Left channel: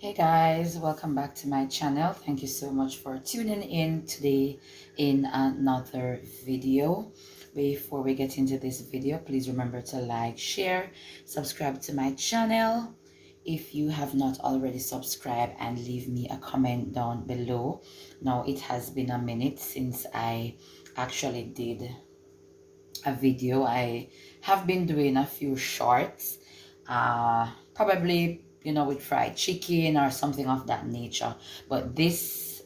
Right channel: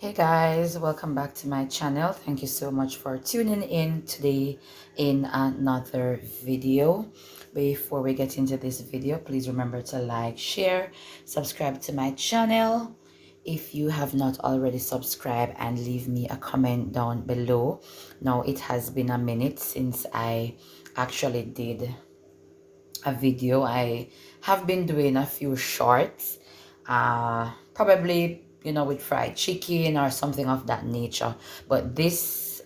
Hey guys, welcome back to my channel. Thank you so much for tuning in today in another video. Before we get into this video, please remember to like, share, subscribe to my channel if you have not already subscribed, and leave me a comment down below. Now it has been a minute since I actually did a video. I have been doing a few shorts, probably with fried chicken or something of that nature, but this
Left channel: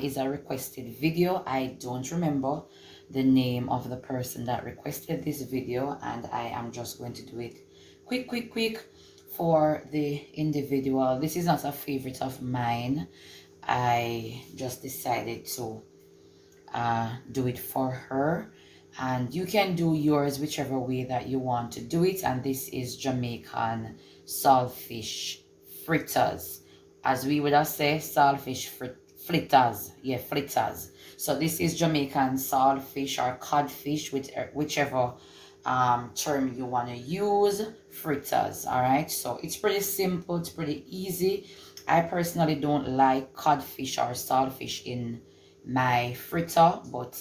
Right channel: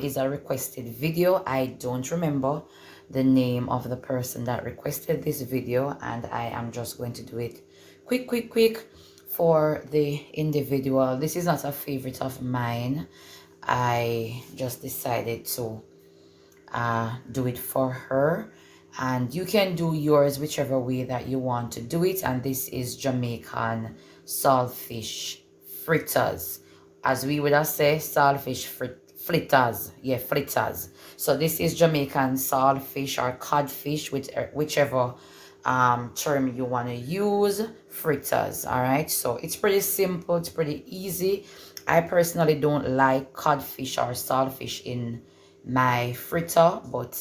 is a requested video. I don't remember the name of the person that requested this video, and I am just going to do it quick for the individual. This is not a favorite of mine. I just decided to do it for her, and you can do yours whichever way that you want to do it. And this is Jamaican saltfish fritters, as we would have said saltfish fritters. Yeah, fritters. So this is Jamaican saltfish or codfish, with whichever term you want to use. Fritters. All right, so it's pretty simple, it's pretty easy. I personally don't like codfish or saltfish in my fritter, but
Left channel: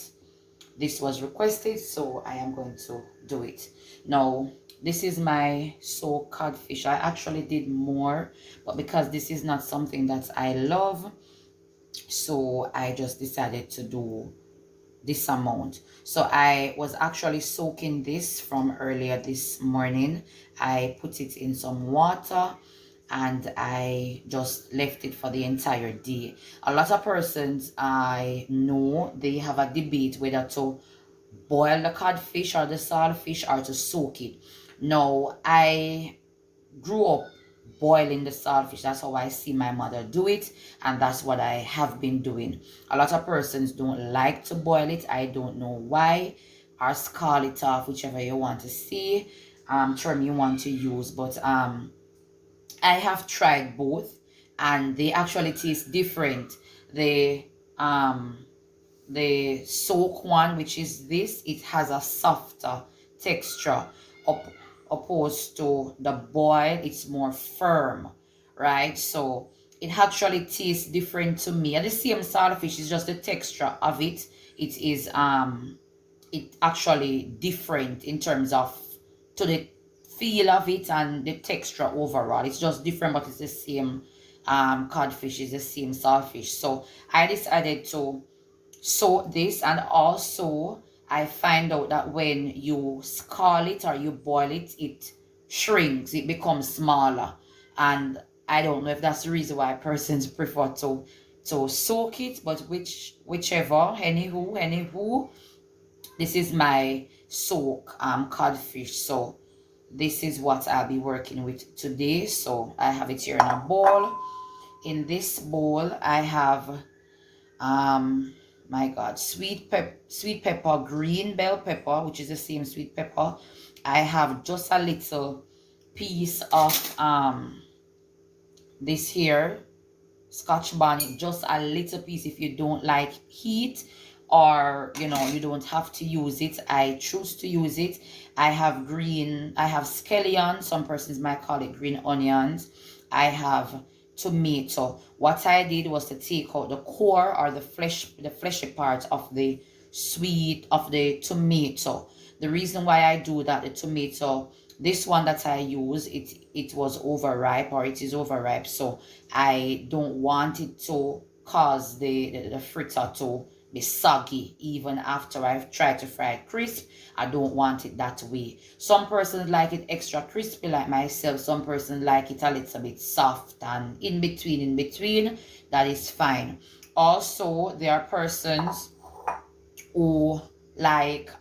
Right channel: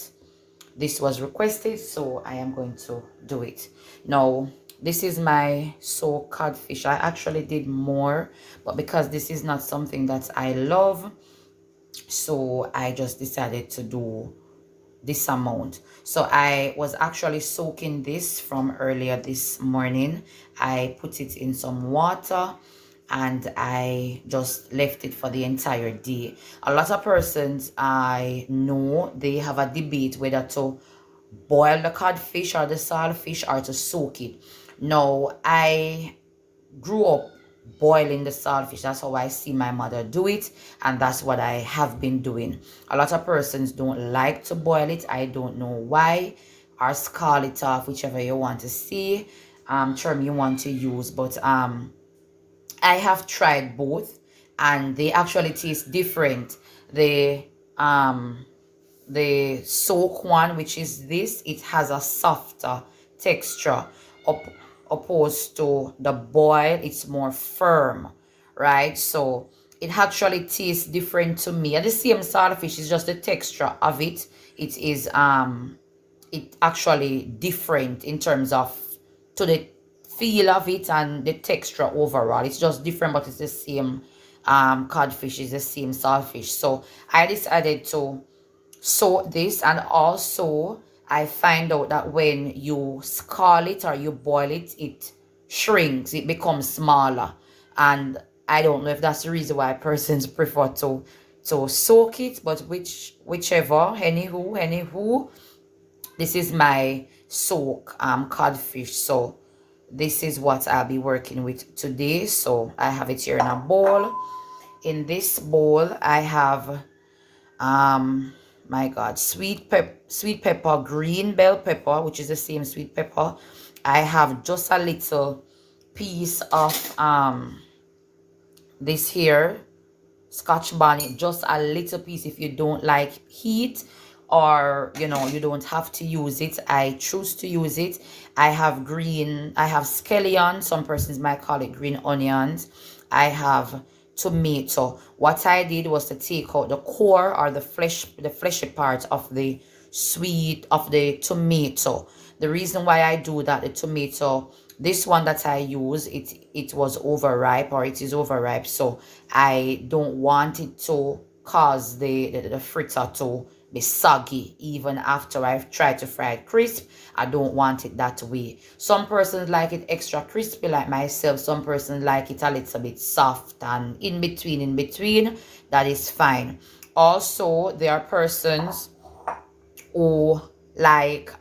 this was requested, so I am going to do it. Now this is my soaked codfish. I actually did more, but because this is not something that I love, so I just decided to do this amount. So I was actually soaking this from earlier this morning. I put it in some water and I just left it for the entire day. A lot of persons I know, they have a debate whether to boil the codfish or the saltfish or to soak it. Now, I grew up boiling the saltfish. That's how I see my mother do it, and that's what I have been doing. A lot of persons don't like to boil it. I don't know why, or scald it off, whichever you want to see, term you want to use. But I have tried both, and they actually taste different. The soak one, which is this, it has a softer texture up opposed to the boil. It's more firm, right? So it actually tastes different to me. And the same saltfish, is just the texture of it. It is it actually different in terms of to the feel of it and the texture overall. It's just different, but it's the same codfish, is the same saltfish. So I decided to soak this, and also I find out that when you scald it or you boil it, it shrinks, it becomes smaller. And I don't know if that's the reason why persons prefer to soak it, but whichever, anywho, this is my soak codfish. So this is what I'll be working with today. So I have it here in a bowl. In this bowl I have my god, sweet pepper, green bell pepper, which is the same sweet pepper. I have just a little piece of this here scotch bonnet, just a little piece. If you don't like heat, or you don't have to use it, I choose to use it. I have scallion, some persons might call it green onions. I have tomato. What I did was to take out the core, or the fleshy part of the tomato. The reason why I do that, the tomato, this one that I use, it was overripe, or it is overripe, so I don't want it to cause the fritter to be soggy even after I've tried to fry it crisp. I don't want it that way. Some persons like it extra crispy like myself. Some persons like it a little bit soft, and in between, that is fine. Also, there are persons who like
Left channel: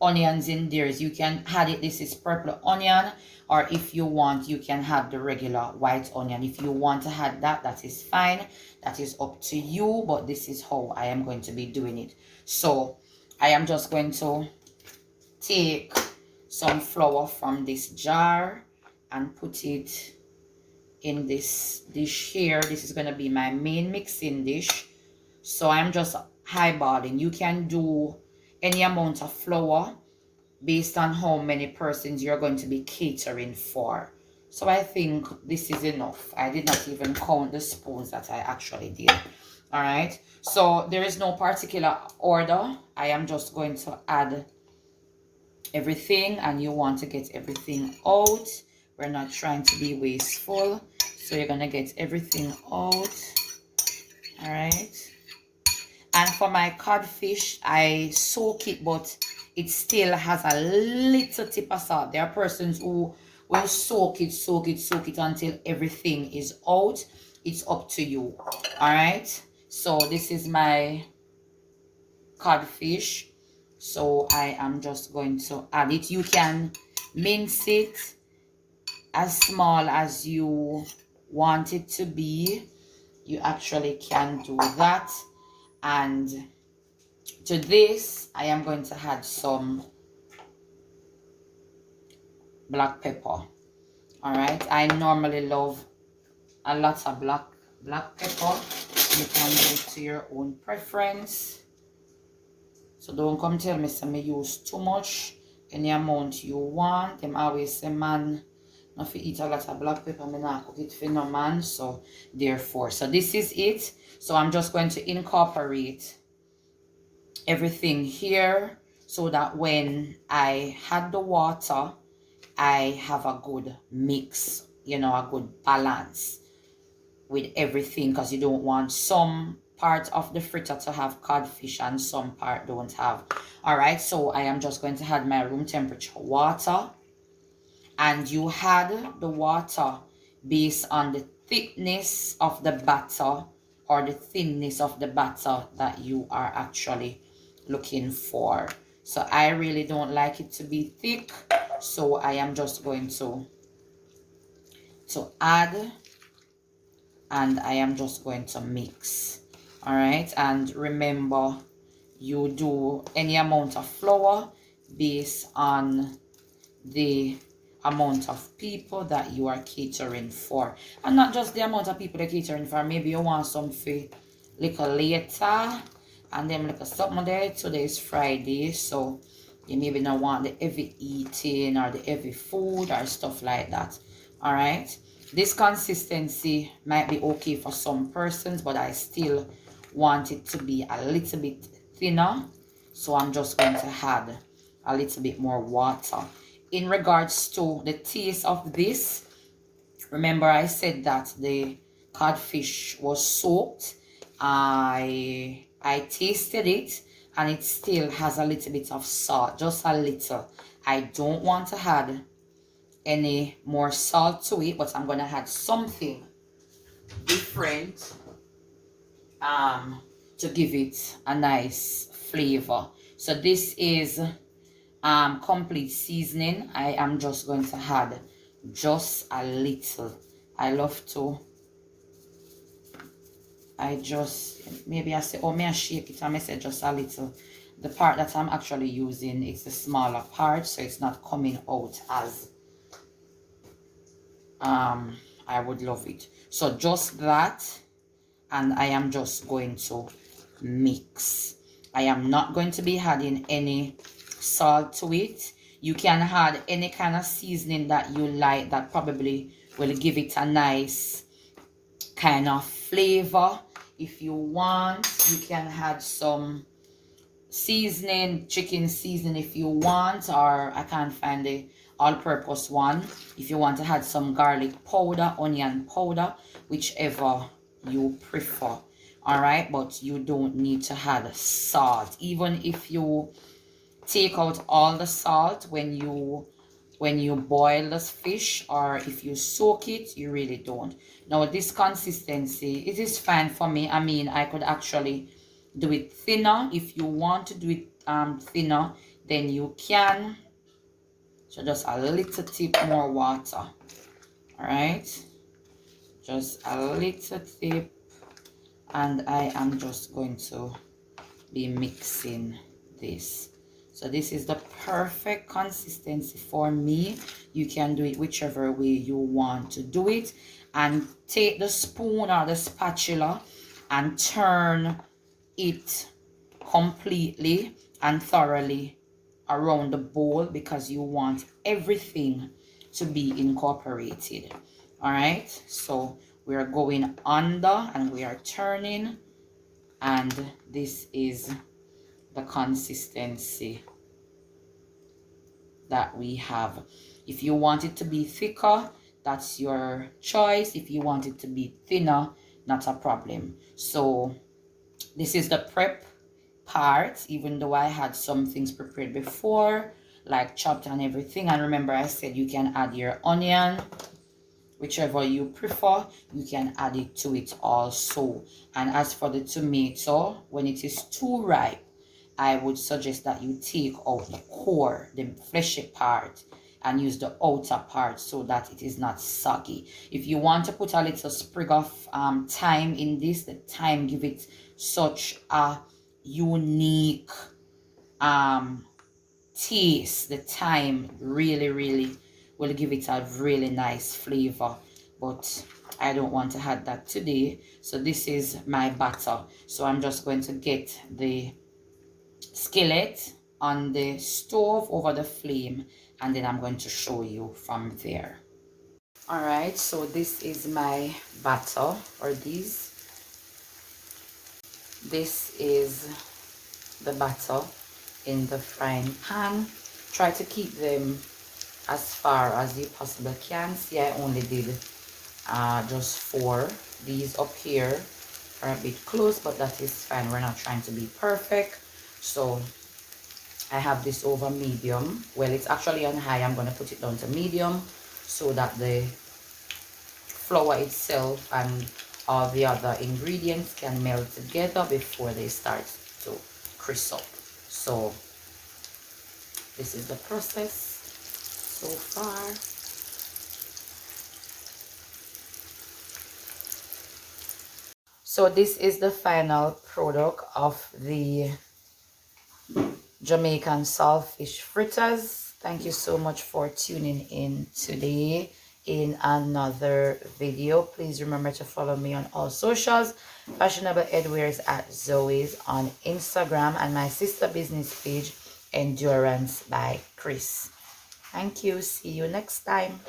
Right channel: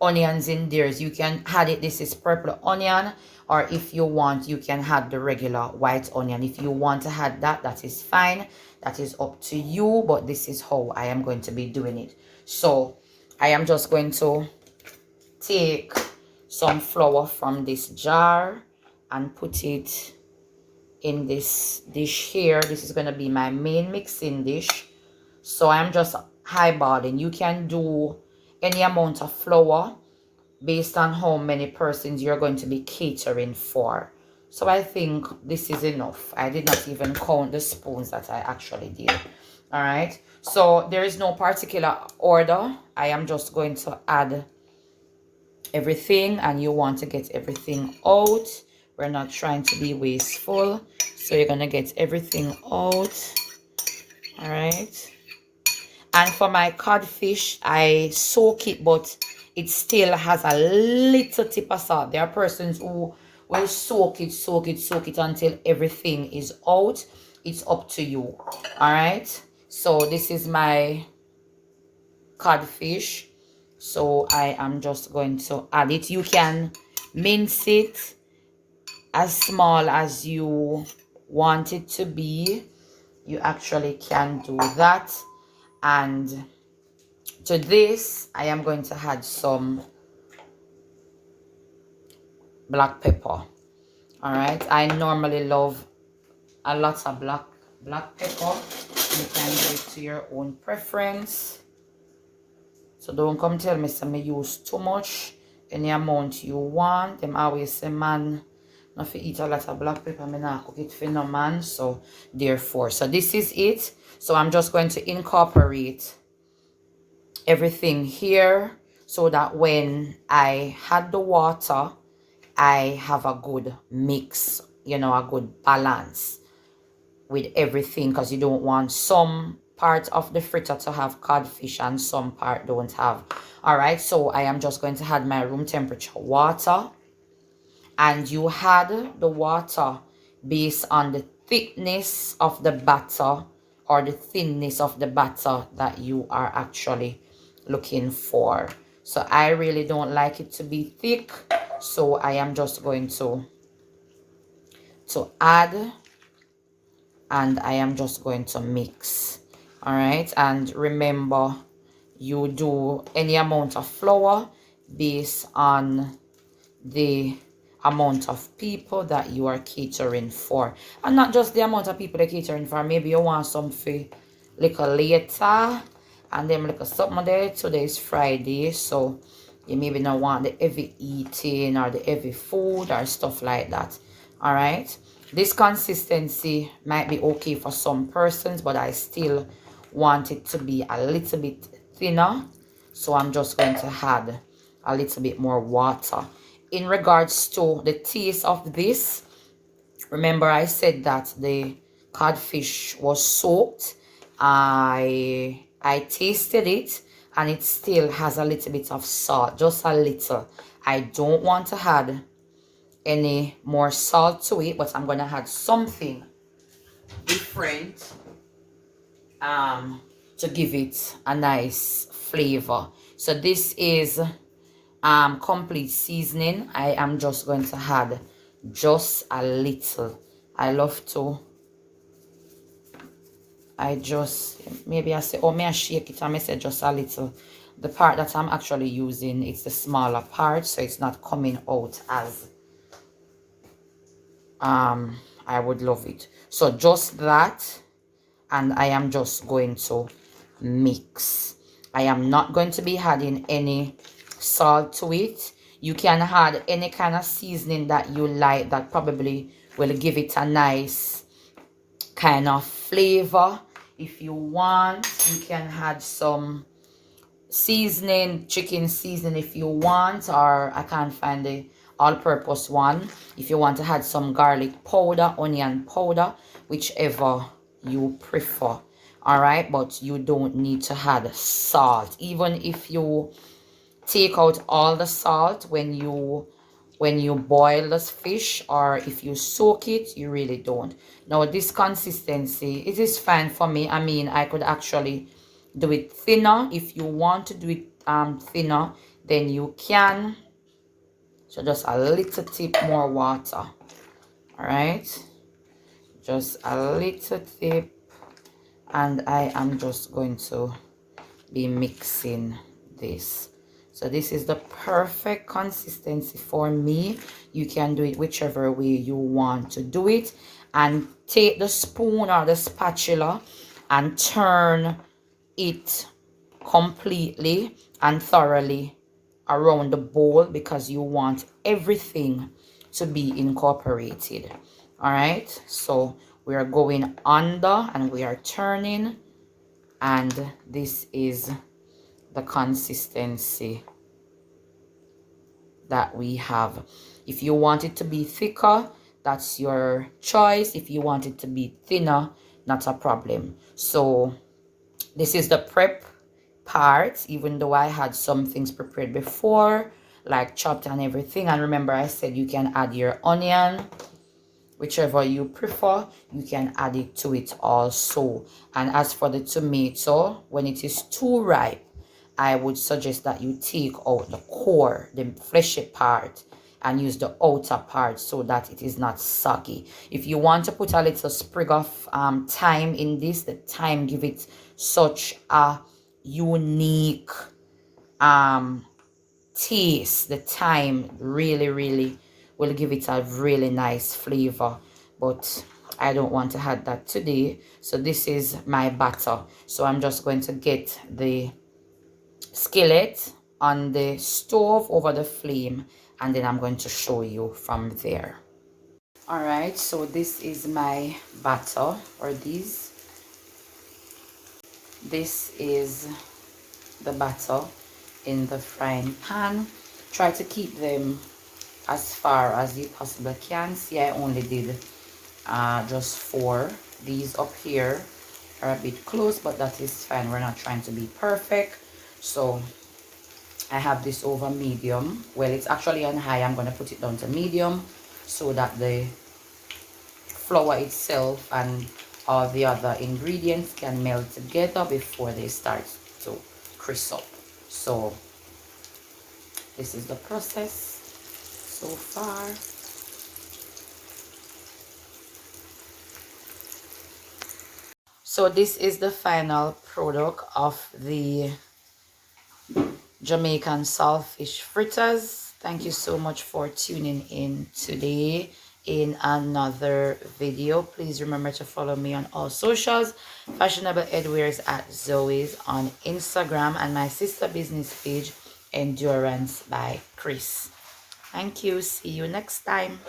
onions in theirs. You can add it. This is purple onion, or if you want, you can add the regular white onion. If you want to add that, that is fine. That is up to you, but this is how I am going to be doing it. So I am just going to take some flour from this jar and put it in this dish here. This is going to be my main mixing dish. So I'm just eyeballing. You can do any amount of flour based on how many persons you're going to be catering for. So I think this is enough. I did not even count the spoons that I actually did. All right. So there is no particular order. I am just going to add everything, and you want to get everything out. We're not trying to be wasteful. So you're going to get everything out. All right. And for my codfish, I soak it, but it still has a little tip of salt. There are persons who will soak it until everything is out. It's up to you. All right. So this is my codfish. So I am just going to add it. You can mince it as small as you want it to be. You actually can do that. And to this, I am going to add some black pepper. All right. I normally love a lot of black pepper. You can do it to your own preference. So don't come tell me some use too much. Any amount you want. Them always say, man, not eat a lot of black pepper. Me not cook it for no man. So therefore, so this is it. So I'm just going to incorporate everything here so that when I add the water, I have a good mix, you know, a good balance with everything, because you don't want some part of the fritter to have codfish and some part don't have. All right, so I am just going to add my room temperature water, and you add the water based on the thickness of the batter or the thinness of the batter that you are actually looking for. So I really don't like it to be thick, so I am just going to add, and I am just going to mix. All right, and remember, you do any amount of flour based on the amount of people that you are catering for, and not just the amount of people they're catering for. Maybe you want some for little later, and then little something there. Today is Friday, so you maybe not want the heavy eating or the heavy food or stuff like that. All right, this consistency might be okay for some persons, but I still want it to be a little bit thinner, so I'm just going to add a little bit more water. In regards to the taste of this, remember I said that the codfish was soaked. I tasted it, and it still has a little bit of salt, just a little. I don't want to add any more salt to it, but I'm going to add something different to give it a nice flavor. So this is complete seasoning. I am just going to add just a little. I love to, maybe I say, oh, may I shake it, I may say just a little. The part that I'm actually using, it's the smaller part, so it's not coming out as I would love it. So just that, and I am just going to mix. I am not going to be adding any salt to it. You can add any kind of seasoning that you like that probably will give it a nice kind of flavor. If you want, you can add some seasoning, chicken seasoning if you want, or I can't find the all-purpose one. If you want to add some garlic powder, onion powder, whichever you prefer. All right, but you don't need to add salt. Even if you take out all the salt when you boil this fish, or if you soak it, you really don't. Now this consistency, it is fine for me. I mean, I could actually do it thinner. If you want to do it thinner, then you can. So just a little tip more water. All right, just a little tip, and I am just going to be mixing this. So this is the perfect consistency for me. You can do it whichever way you want to do it, and take the spoon or the spatula and turn it completely and thoroughly around the bowl, because you want everything to be incorporated. All right, so we are going under and we are turning, and this is the consistency that we have. If you want it to be thicker, that's your choice. If you want it to be thinner, not a problem. So this is the prep part, even though I had some things prepared before, like chopped and everything. And remember, I said you can add your onion, whichever you prefer, you can add it to it also. And as for the tomato, when it is too ripe, I would suggest that you take out the core, the fleshy part, and use the outer part so that it is not soggy. If you want to put a little sprig of thyme in this, the thyme give it such a unique taste. The thyme really will give it a really nice flavor, but I don't want to add that today. So this is my batter. So I'm just going to get the skillet on the stove over the flame, and then I'm going to show you from there. All right, so this is my batter, or this is the batter in the frying pan. Try to keep them as far as you possibly can. See, I only did just 4. These up here are a bit close, but that is fine. We're not trying to be perfect. So I have this over medium. Well, it's actually on high. I'm going to put it down to medium so that the flour itself and all the other ingredients can melt together before they start to crisp up. So this is the process so far. So this is the final product of the Jamaican saltfish fritters. Thank you so much for tuning in today in another video. Please remember to follow me on all socials. Fashionable Edwears at Zoe's on Instagram, and my sister business page, Endurance by Chris. Thank you. See you next time.